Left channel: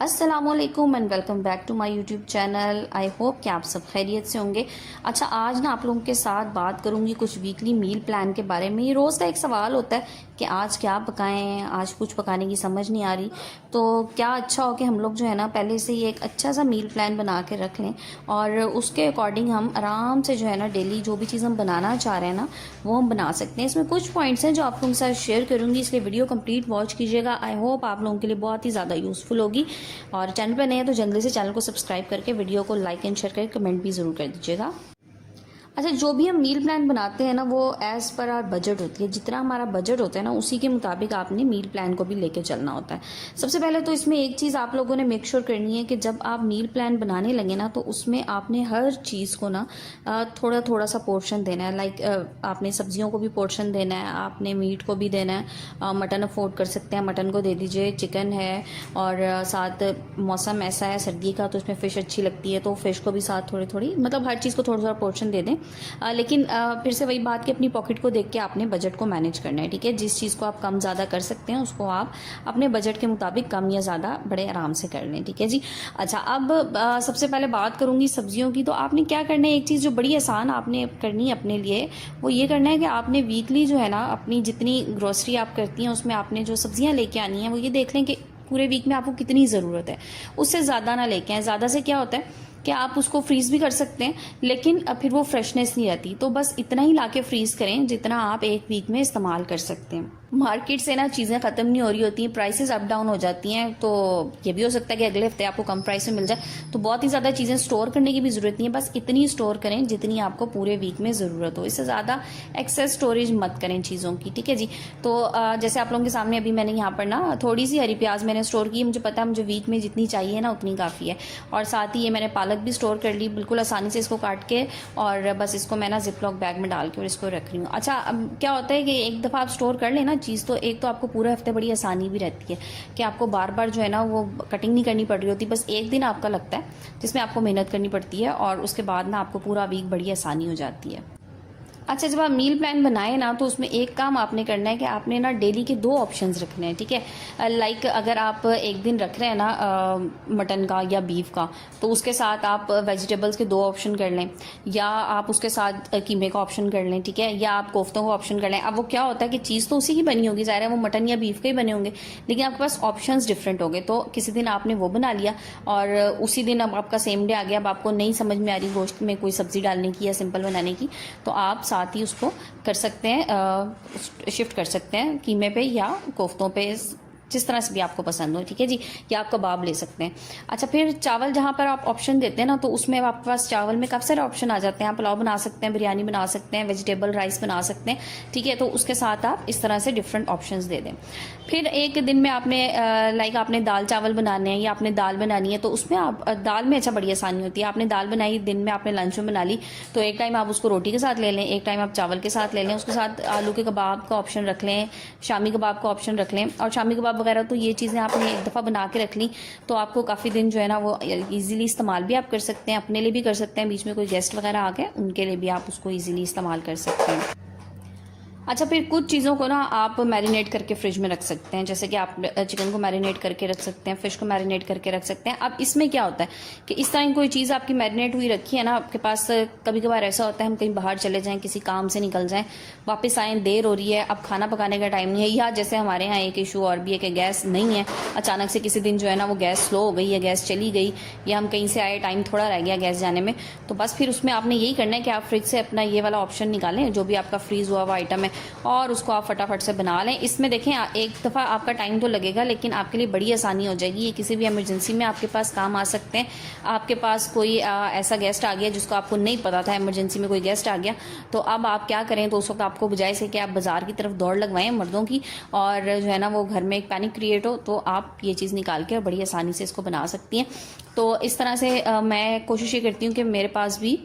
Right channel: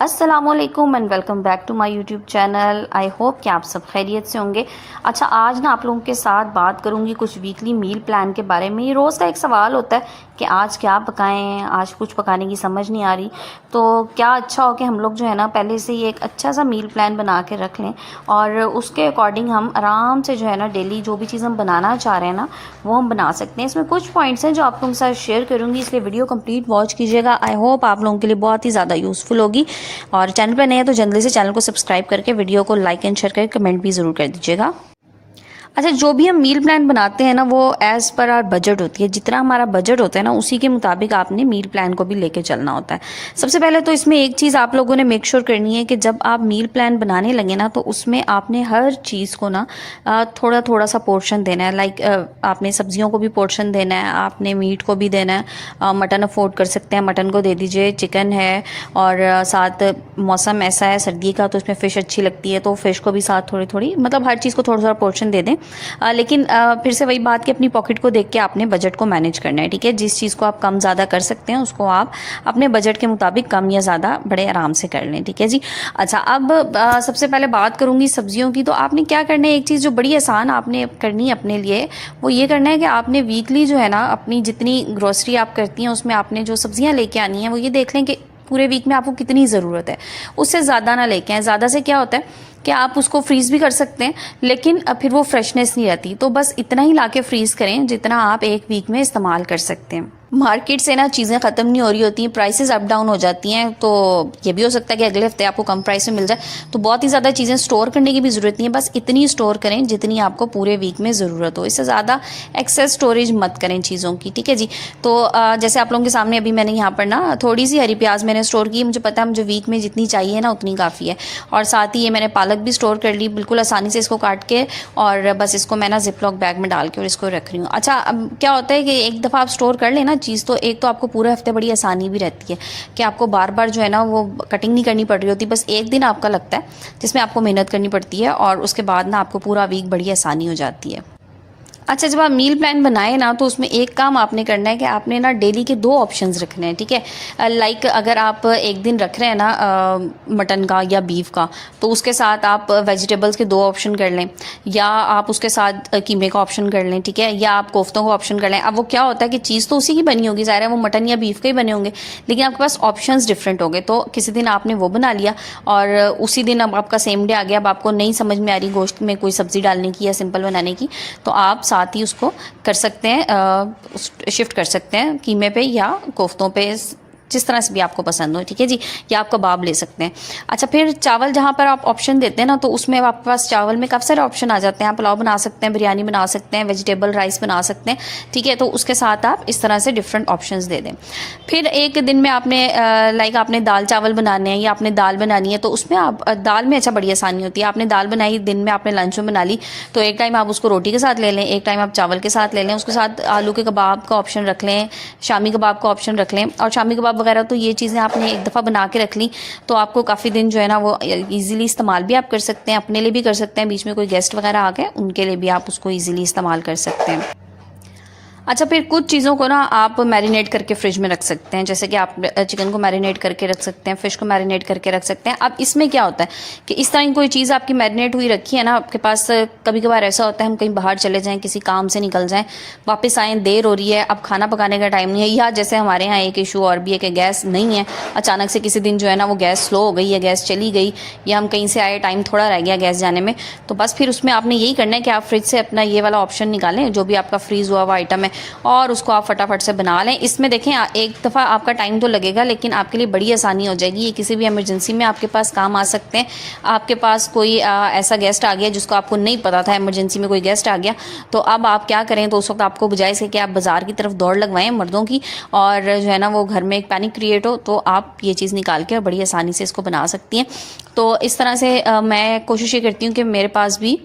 अस्सलामुअलैकुम and welcome back to my YouTube channel. I hope कि आप सब खैरियत से होंगे। अच्छा, आज ना आप लोगों के साथ बात करूंगी कुछ वीकली मील प्लान के बारे में। ये रोज़ का एक सवाल होता है कि आज क्या पकाएं, आज कुछ पकाने की समझ नहीं आ रही। तो क्या अच्छा हो कि हम लोग जो है ना पहले से ही एक अच्छा सा मील प्लान बना के रख लें और उसके अकॉर्डिंग हम आराम से जो है ना डेली जो भी चीज़ हम बनाना चाह रहे हैं ना वो हम बना सकते हैं। इसमें कुछ पॉइंट्स हैं जो आप लोगों के साथ शेयर करूंगी, इसलिए वीडियो कंप्लीट वॉच कीजिएगा। आई होप आप लोगों के लिए बहुत ही ज़्यादा यूज़फुल होगी। और चैनल पर नए हैं तो जल्दी से चैनल को सब्सक्राइब करके वीडियो को लाइक एंड शेयर करके कमेंट भी ज़रूर कर दीजिएगा। अच्छा, जो भी हम मील प्लान बनाते हैं ना वो एज़ पर आर बजट होती है। जितना हमारा बजट होता है ना उसी के मुताबिक आपने मील प्लान को भी लेके चलना होता है। सबसे पहले तो इसमें एक चीज़ आप लोगों ने मेक श्योर करनी है कि जब आप मील प्लान बनाने लगे ना तो उसमें आपने हर चीज़ को ना थोड़ा थोड़ा सा पोर्शन देना है। लाइक आपने सब्जियों को भी पोर्शन देना है, आपने मीट को भी देना है। मटन अफोर्ड कर सकते हैं, मटन को दे दीजिए। चिकन है और साथ मौसम ऐसा है सर्दी का तो उसमें फ़िश अच्छी लगती है तो फ़िश को भी साथ थोड़ी थोड़ी, मतलब हर चीज़ को थोड़ा थोड़ा पोर्शन दे दें। लेकिन फिर से वही बात कि अपनी पॉकेट को देख के आपने बजट को मैनेज करना है। ठीक है, जिस चीज़ को आप कम ज़्यादा कर सकते हैं उसको आप अपने बजट के मुताबिक कम या ज़्यादा बड़े आराम से कर लें। ठीक है जी। अच्छा, अब सबसे पहले बात करूँगी सब्जियों की। तो आपने क्या करना है, एक चीज़ जो बड़ी आसान आपने करनी है अपने लिए वो ये करना है कि आपने वीकली जो है ना अपनी जितनी ग्रोसरी आप करती हैं उसमें आपने जो सब्जियाँ लेके आनी हैं वो ये देख लें कि पूरे वीक में आपको कितनी ज़रूरत है। उससे ज़्यादा ना लेके आएं। ज़्यादा से क्या होता है कि आप उसको फ्रीज़ भी कर सकते हैं लेकिन फिर वो फ्रेशनेस नहीं रहती। तो बस इतना ही लाके फ्रीज़ करें जितना आप एक वीक में इस्तेमाल कर सकते हैं। मार्केट से ना चीज़ें ख़त्म नहीं हो रही होती हैं, प्राइसेस अप डाउन हो जाती हैं। तो ये भी हो सकता है कि अगले हफ्ते आपको कम प्राइस में मिल जाए। तो बहुत ही ज़्यादा चीज़ें स्टोर करने की भी ज़रूरत नहीं है, बस इतनी स्टोर करें जितनी आपको पूरे वीक में ज़रूरत हो। इससे ज़्यादा एक्सेस स्टोरेज मत करें चीज़ों की। ठीक है जी। तो जैसे आप लोगों के सामने अभी मैंने यहाँ पर ना थोड़ी सी हरी प्याज मैंने स्टोर की। मुझे पता है मुझे वीक में जितनी चाहिए ना उतनी काफ़ी है। और साथ ही ये मैंने पालक भी स्टोर कर ली बिल्कुल आसानी से, इसको काट के और बस इसको मैं ना जिपलॉक बैग में डाल के और इसको रख रही हूँ। अच्छा, अब क्या होता है कि एक दफ़ा आप स्टोर कर लेना चीज़ तो एक तो आपको पूरे हफ्ते बड़ी आसानी भी रहती है कि आपको बार बार जो है ना वो कटिंग नहीं करनी पड़ रही होती। बस एक दिन आपका लगता है जिसमें आपको मेहनत करनी पड़ती है और उसके बाद ना आपको पूरा वीक बड़ी आसानी हो जाती है। अच्छा, जब आप मील प्लान बनाए ना तो उसमें एक काम आपने करना है कि आपने ना डेली के दो ऑप्शंस रखने हैं। ठीक है, लाइक अगर आप एक दिन रख रहे हैं ना मटन का या बीफ का तो उसके साथ आप वेजिटेबल्स के दो ऑप्शन कर लें, या आप उसके साथ कीमे का ऑप्शन कर लें। ठीक है, या आप कोफ्तों का ऑप्शन कर लें। अब वो क्या होता है कि चीज़ तो उसी की बनी होगी, ज़ाहिर है वो मटन या बीफ के ही बने होंगे, लेकिन आपके पास ऑप्शंस डिफरेंट होंगे। तो किसी दिन आपने वो बना लिया और उसी दिन अब आपका सेम डे आ गया, अब आपको नहीं समझ में आ रही गोश्त में कोई सब्ज़ी डालने की या सिंपल बनाने की, तो आप साथ ही उसको कर सकते हैं, शिफ्ट कर सकते हैं कीमे पे या कोफ्तों पे, जिस तरह से भी आपको पसंद हो। ठीक है जी। या आप कबाब ले सकते हैं। अच्छा, फिर चावल जहाँ पर आप ऑप्शन देते हैं ना तो उसमें आपके पास चावल में काफ़ी सारे ऑप्शन आ जाते हैं। आप पुलाव बना सकते हैं, बिरयानी बना सकते हैं, वेजिटेबल राइस बना सकते हैं। ठीक है, तो उसके साथ आप इस तरह से डिफरेंट ऑप्शंस दे दें। फिर एक दिन में आपने लाइक आपने दाल चावल बनाने हैं या आपने दाल बनानी है तो उसमें आप दाल में अच्छा बड़ी आसानी होती है। आपने दाल बनाई दिन में, आपने लंच में बना ली तो एक टाइम आप उसको रोटी के साथ ले लें, एक टाइम आप चावल के साथ ले लें। उसके साथ आलू के कबाब का ऑप्शन रख लें, शामी कबाब का ऑप्शन रख लें। और शामी कबाब वगैरह तो ये चीज़ें आपने एक दफ़ा बना के रख ली तो आपको काफ़ी दिन जो है ना वो इजीली इस्तेमाल भी आप कर सकते हैं, अपने लिए भी कर सकते हैं, बीच में कोई गेस्ट वगैरह आ गए उनके लिए भी आप उसको इजीली इस्तेमाल कर सकते हैं। अच्छा, फिर कुछ चीज़ों को ना आप मैरिनेट करके फ्रिज में रख सकते हैं, जैसे कि आप चिकन को मैरिनेट करके रख सकते हैं, फ़िश को मैरिनेट करके रख सकते हैं। अब इसमें क्या होता है कि इस तरह की कोई चीज़ आपकी मैरिनेट हुई रखी है ना आपके पास, कभी कभार ऐसा होता है हम कहीं बाहर चले जाएं, किसी काम से निकल जाएं, वापस आएँ, देर हो रही है, अब खाना पकाने का टाइम नहीं है, या जैसे हमारे यहाँ एक इशू और भी है कि गैस नहीं है, अचानक से किसी दिन जो है ना वो गैस स्लो हो गई या गैस चली गई, या हम कहीं से आए टाइम थोड़ा रह गया गैस जाने में, तो बस फिर उसमें आपने यही करना है कि आप फ्रिज से अपना ये वाला ऑप्शन निकालें जो भी आपका फ्रीज़ हुआ हुआ आइटम है और उसको आप फटाफट से बना लें। इसमें देखें एक दफ़ा आपका टाइम तो लगेगा लेकिन आपके लिए बड़ी आसानी हो जाएगी। ये किसी भी इमरजेंसी में आपके पास काम आ सकते हैं। आपके पास कोई ऐसा गेस्ट आ गया जिसको आपको नहीं पता था, इमरजेंसी में कोई गेस्ट आ गया, तो अब आप क्या करें, तो उस वक्त आपको बजाय से कि आप बाज़ार की तरफ दौड़ लगवाएं मर्दों की और जो है ना वो घर में एक पैनिक क्रिएट हो, तो आप ये चीज़ निकाल के बड़ी आसानी से इसको बना सकती हैं। तो इस तरह से मैं कोशिश ये करती हूँ कि मेरे पास भी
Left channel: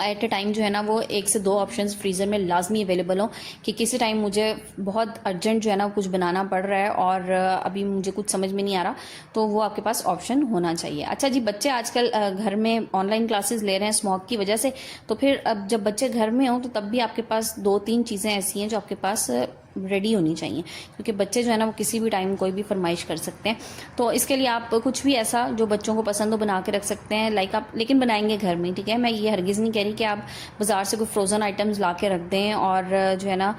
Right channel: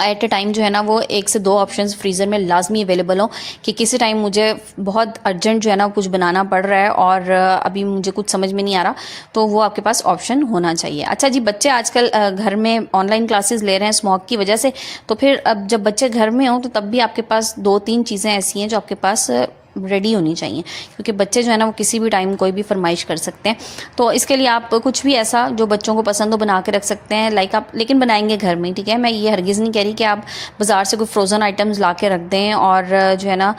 एट ए टाइम जो है ना वो एक से दो ऑप्शंस फ्रीज़र में लाजमी अवेलेबल हो कि किसी टाइम मुझे बहुत अर्जेंट जो है ना कुछ बनाना पड़ रहा है और अभी मुझे कुछ समझ में नहीं आ रहा, तो वो आपके पास ऑप्शन होना चाहिए। अच्छा जी, बच्चे आजकल घर में ऑनलाइन क्लासेस ले रहे हैं स्मॉग की वजह से, तो फिर अब जब बच्चे घर में हों तो तब भी आपके पास दो तीन चीज़ें ऐसी हैं जो आपके पास रेडी होनी चाहिए, क्योंकि बच्चे जो है ना वो किसी भी टाइम कोई भी फरमाइश कर सकते हैं। तो इसके लिए आप कुछ भी ऐसा जो बच्चों को पसंद हो बना के रख सकते हैं, लाइक आप, लेकिन बनाएंगे घर में, ठीक है। मैं ये हरगिज़ नहीं कह रही कि आप बाज़ार से कोई फ्रोज़न आइटम्स ला के रख दें, और जो है ना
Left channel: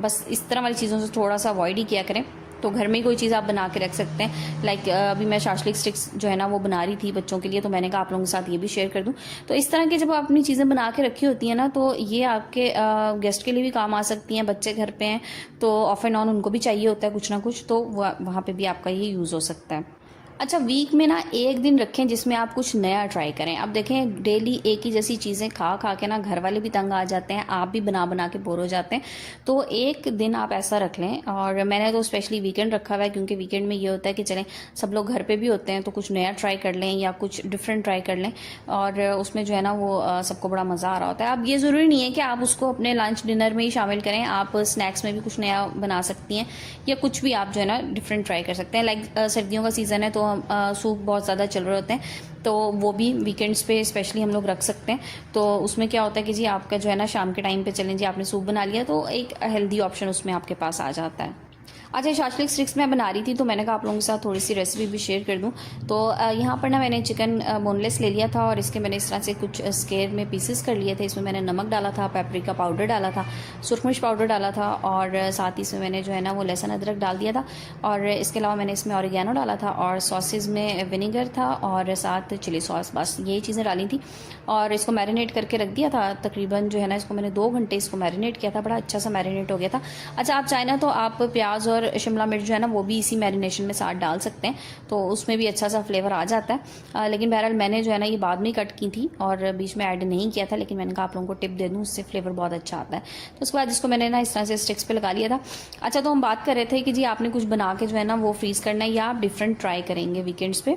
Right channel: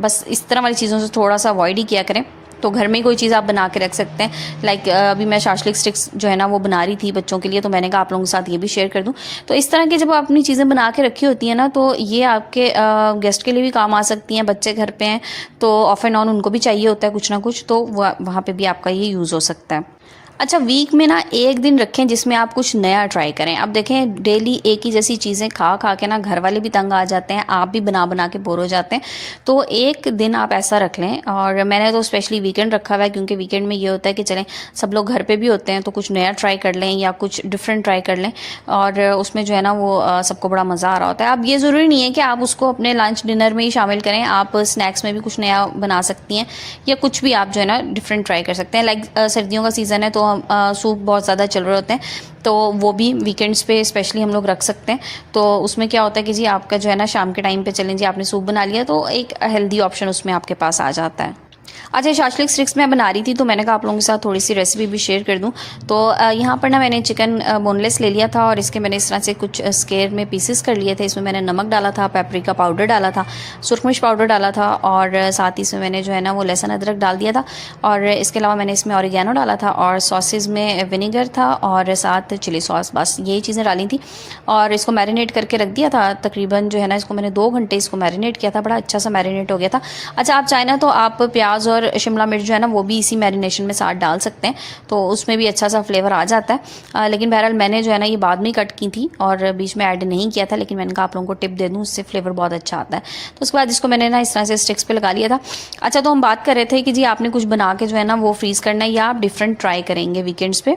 बस इस तरह वाली चीज़ों से थोड़ा सा अवॉइड ही किया करें। तो घर में ही कोई चीज़ आप बना के रख सकते हैं। लाइक अभी मैं शाशलिक स्टिक्स जो है ना वो बना रही थी बच्चों के लिए, तो मैंने कहा आप लोगों के साथ ये भी शेयर कर दूं। तो इस तरह की जब आप अपनी चीज़ें बना के रखी होती हैं ना, तो ये आपके गेस्ट के लिए भी काम आ सकती हैं। बच्चे घर पे हैं तो ऑफ एंड ऑन उनको भी चाहिए होता है कुछ ना कुछ, तो वहाँ पे भी आपका ये यूज़ हो सकता है। अच्छा, वीक में ना एक दिन रखें जिसमें आप कुछ नया ट्राई करें। अब देखें डेली एक ही जैसी चीज़ें खा खा के ना घर वाले भी तंग आ जाते हैं, आप भी बना बना के बोर हो जाते हैं। तो एक दिन आप ऐसा रख लें, और मैंने तो स्पेशली वीकेंड रखा हुआ है, क्योंकि वीकेंड में ये होता है कि चलें सब लोग घर पे भी होते हैं तो कुछ नया ट्राई कर लें या कुछ डिफरेंट ट्राई कर लें, और उसमें जो है ना वो सबको बड़ा मज़ा आ रहा होता है। अब ये ज़रूरी नहीं है कि आप उसको अपने लंच डिनर में ही शामिल करें, आप स्नैक्स में भी कुछ नया बना सकती हैं, या कुछ भी आप जो है ना डिफरेंट ट्राई कर सकते हैं। लाइक सर्दियों का सीज़न है तो सूप बहुत ज़्यादा चल रहे होते हैं, तो वो भी वीकेंड्स पे स्पेशली हम लोग रख सकते हैं। तो उसमें क्या होता है कि जी आपका जो है ना शाम के टाइम पे चलें जी आपने सूप बना लिया, तो एक हेल्दी ऑप्शन उसमें आपके पास आ जाता है। अच्छा, शाशलिक स्टिक्स मैं बना रही थी तो मैंने कहा आप लोगों के साथ थोड़ी सी रेसिपी भी शेयर कर दूं। तो यहाँ पर ना मैंने चिकन बोनलेस ले लिया था, और इसके मैंने इस तरह से कुछ स्क्वायर में पीसेस कर लिए थे। इसमें मैंने नमक डाला था, पेपरिका पाउडर डाला था, सुरख मिर्च पाउडर डाला था, और साथ ही इसमें मैंने जो है ना वो लहसुन अदरक डाल दिया था, और इसके अलावा मैंने इसमें ऑरिगेनो डाला था, और सॉसेज में विनेगर था, और साथ चिली सॉस, बस यही चीज़ें डाली थी। और इसको मैरिनेट करके रख दिया था तकरीबन जो है ना, इसको मैंने 2 घंटे इसको मैरिनेट किया था, बड़ा अच्छा सा मैरिनेट हो गया था। अच्छा, आप चाहें ना तो आप प्याज और शिमला मिर्च जो है ना वो भी इसी मैरिनेशन में साथ डाल सकते हैं, तो उसमें भी अच्छा सा फ्लेवर आ जाता है। लेकिन बहरहाल मैंने जो है ना ये बाद में कट की थी और बीच में ऐड नहीं किया था, लेकिन मैंने कहा आप लोगों को टिप दे दूँ, उससे फ्लेवर बहुत अच्छा आता है। तो उसके बाद इसको मैंने ना इस तरह से स्टिक्स पे लगा लिया था। अच्छा, तो हम बात कर रहे थे कि जी आपने कुछ बना के जो है ना वो फ्रीज़ करना है, या आप डिफरेंट ट्राई करेंगे वीकेंड्स पे।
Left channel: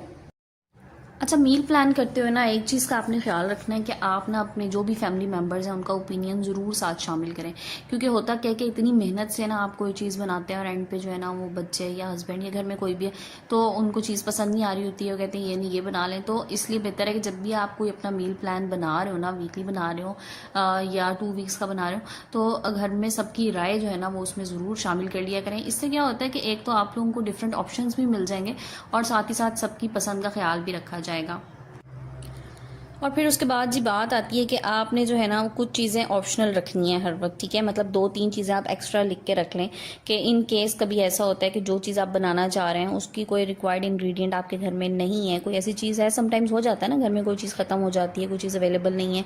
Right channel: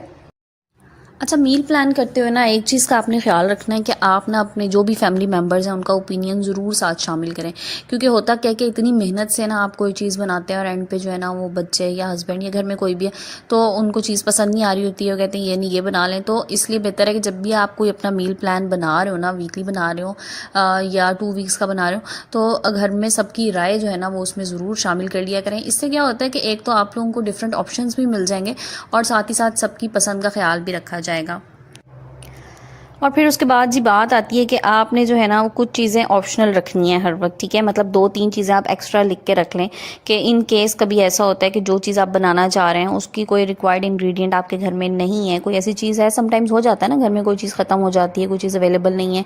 अच्छा, मील प्लान करते हुए ना एक चीज़ का आपने ख्याल रखना है कि आप ना अपने जो भी फैमिली मेम्बर्स हैं उनका ओपिनियन ज़रूर साथ शामिल करें, क्योंकि होता क्या है कि इतनी मेहनत से ना आप कोई चीज़ बनाते हैं और एंड पे जो है ना वो बच्चे या हस्बैंड या घर में कोई भी है तो उनको चीज़ पसंद नहीं आ रही होती है, वो कहते हैं ये नहीं ये बना लें। तो इसलिए बेहतर है कि जब भी आप कोई अपना मील प्लान बना रहे हो ना, वीकली बना रहे हो या 2 वीक्स का बना रहे हो, तो घर में सबकी राय जो है ना वो उसमें ज़रूर शामिल कर लिया करें। इससे क्या होता है कि एक तो आप लोगों को डिफरेंट ऑप्शंस भी मिल जाएंगे, और साथ ही साथ सबकी पसंद का ख्याल भी रखा जाएगा। और फिर उसके बाद जी बात आती है कि आपने जो है ना वो कुछ चीज़ें ऑप्शनल रखनी है हर वक्त, ठीक है। मतलब 2-3 चीज़ें आप एक्स्ट्रा लिख के रख लें कि इन केस कभी ऐसा होता है कि जो चीज़ आप बनाना चाह रहे हैं उसकी कोई रिक्वायर्ड इंग्रेडिएंट आपके घर में नहीं है, कोई ऐसी चीज़ है, समटाइम्स हो जाता है ना घर में कोई चीज़ ख़त्म हो जाती है, कोई चीज़ अवेलेबल नहीं है,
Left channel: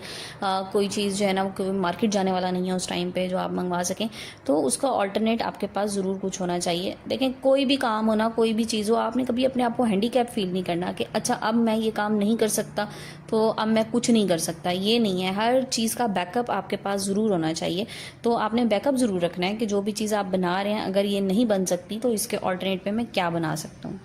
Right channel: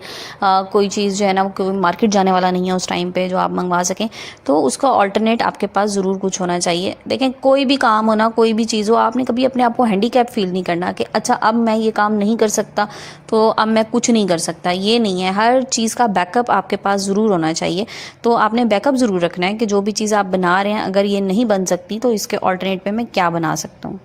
कोई चीज़ जो है ना वो मार्केट जाने वाला नहीं है उस टाइम पर जो आप मंगवा सकें, तो उसका ऑल्टरनेट आपके पास ज़रूर कुछ होना चाहिए। देखें, कोई भी काम हो ना, कोई भी चीज़ हो, आपने कभी अपने आप को हैंडीकैप फील नहीं करना कि अच्छा अब मैं ये काम नहीं कर सकता तो अब मैं कुछ नहीं कर सकता, ये नहीं है। हर चीज़ का बैकअप आपके पास ज़रूर होना चाहिए। तो आपने बैकअप ज़रूर रखना है कि जो भी चीज़ आप बना रहे हैं अगर ये नहीं बन सकती तो इसके ऑल्टरनेट पे मैं क्या बना सकता हूँ।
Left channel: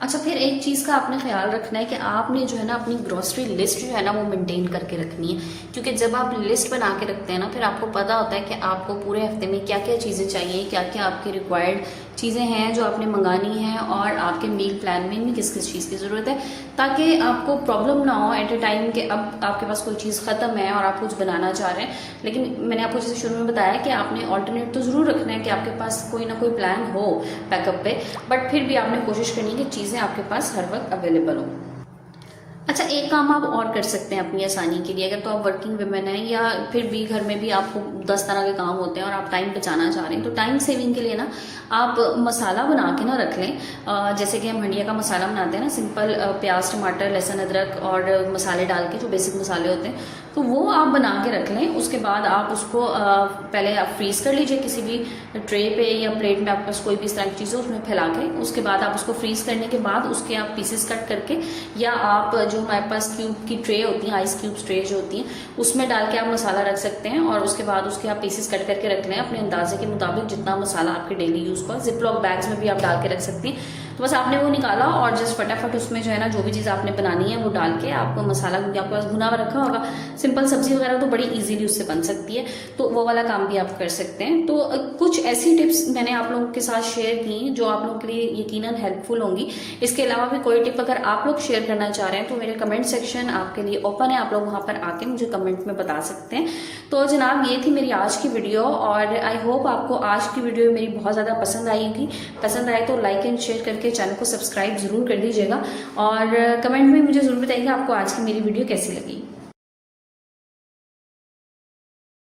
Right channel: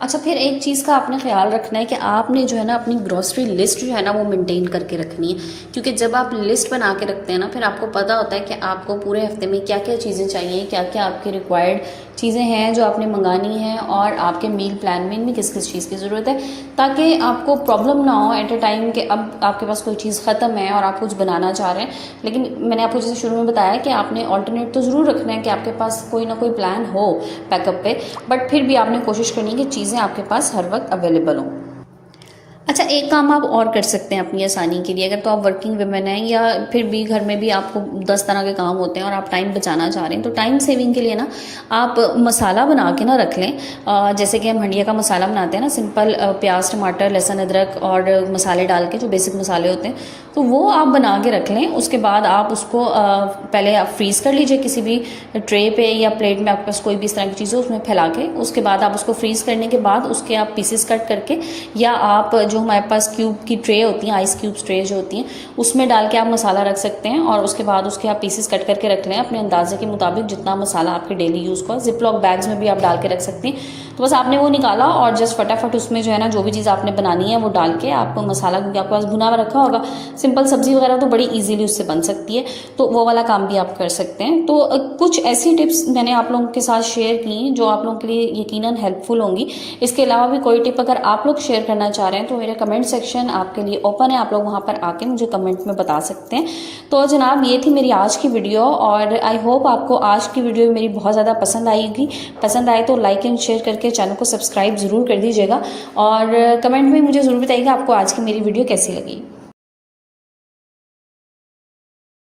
अच्छा, फिर एक चीज़ का आपने ख्याल रखना है कि आपने जो है ना अपनी ग्रॉसरी लिस्ट जो है ना वो मेंटेन करके रखनी है, क्योंकि जब आप लिस्ट बना के रखते हैं ना फिर आपको पता होता है कि आपको पूरे हफ्ते में क्या क्या चीज़ें चाहिए, क्या क्या आपके रिक्वायर्ड चीज़ें हैं जो आपने मंगानी है, और आपके मील प्लान में इनमें किस किस चीज़ की ज़रूरत है, ताकि आपको प्रॉब्लम ना हो एट ए टाइम कि अब आपके पास कोई चीज़ ख़त्म है और आप कुछ बनाना चाह रहे हैं। लेकिन मैंने आपको जैसे शुरू में बताया कि आपने ऑल्टरनेट तो ज़रूर रखना है कि आपके पास कोई ना कोई प्लान हो बैकअप पे, बट फिर भी आपने कोशिश करनी है कि चीज़ें आपके पास हर वक्त अवेलेबल हों। अच्छा, एक काम आप और कर सकते हैं अपनी आसानी के लिए, अगर तो आप वर्किंग वुमेन हैं या फिर भी घर में भी आपको 10 तरह के काम होते हैं और आप टाइम बचाना चाह रहे हैं, तो टाइम सेविंग के लिए ना आप मसाला बना के ना रख लें। जैसे कि हम हंडिया का मसाला बनाते हैं ना, सिंपल प्याज टमाटर लहसुन अदरक और मसाले डाल के, जो बेसिक मसाले होते हैं, तो वो आप बना के रख लें। उसके बाद आप उसको पहले आप फ्रीज़ कर लीजिए किसी भी ट्रे पे या प्लेट में, आपके पास कोई भी इस तरह की चीज़ हो उसमें फैला के। उसके बाद आप उसको फ्रीज़ करने के बाद उसके आप पीसेस कट करके, या आप जो हमारे पास क्यूब की ट्रे होती हैं, आइस क्यूब्स ट्रे जो होती हैं, उसमें डाल के आप मसाला रख सकते हैं, और उसके बाद उसके आप पीसेस कट करके रख लें अपने अंदाजे के मुताबिक जितना मसाला आपके डेली यूज़ का। जिपलॉक बैग्स में भी आप डाल के रख सकते हैं। तो बस आपने वो निकाला और जस्ट फटाफट उसमें जो है ना जो भी चीज़ आपने बनानी है वो डाल के आप मसाला, क्योंकि आपके पास भुना हुआ रखा होगा, सिंपल सब्जी वगैरह तो बड़ी ईजिली उससे बन सकती है, तो वो वाला काम भी आप कर सकते हैं। तो कुछ ऐसी टिप्स मैंने आप लोगों के साथ शेयर की जो आप लोगों के लिए यकीनन हेल्पफुल होंगी। इसके अलावा भी कोई टिप अगर आप लोग शेयर करना चाह रहे हैं तो मेरे कमेंट सेक्शन आपके लिए ओपन है, आप लोग वहाँ पर आके मुझे कमेंट में बता सकते हैं। तो जनाब ये थी मेरी आज की वीडियो और आई होप आपको आज की वीडियो मेरी बहुत ज़्यादा पसंद आएगी। पसंद आए तो लाइक एंड शेयर करके चैनल को सब्सक्राइब ज़रूर कर दीजिएगा और कमेंट में मुझे ज़रूर बताइएगा आपको आज की मेरी वीडियो कैसी लगी।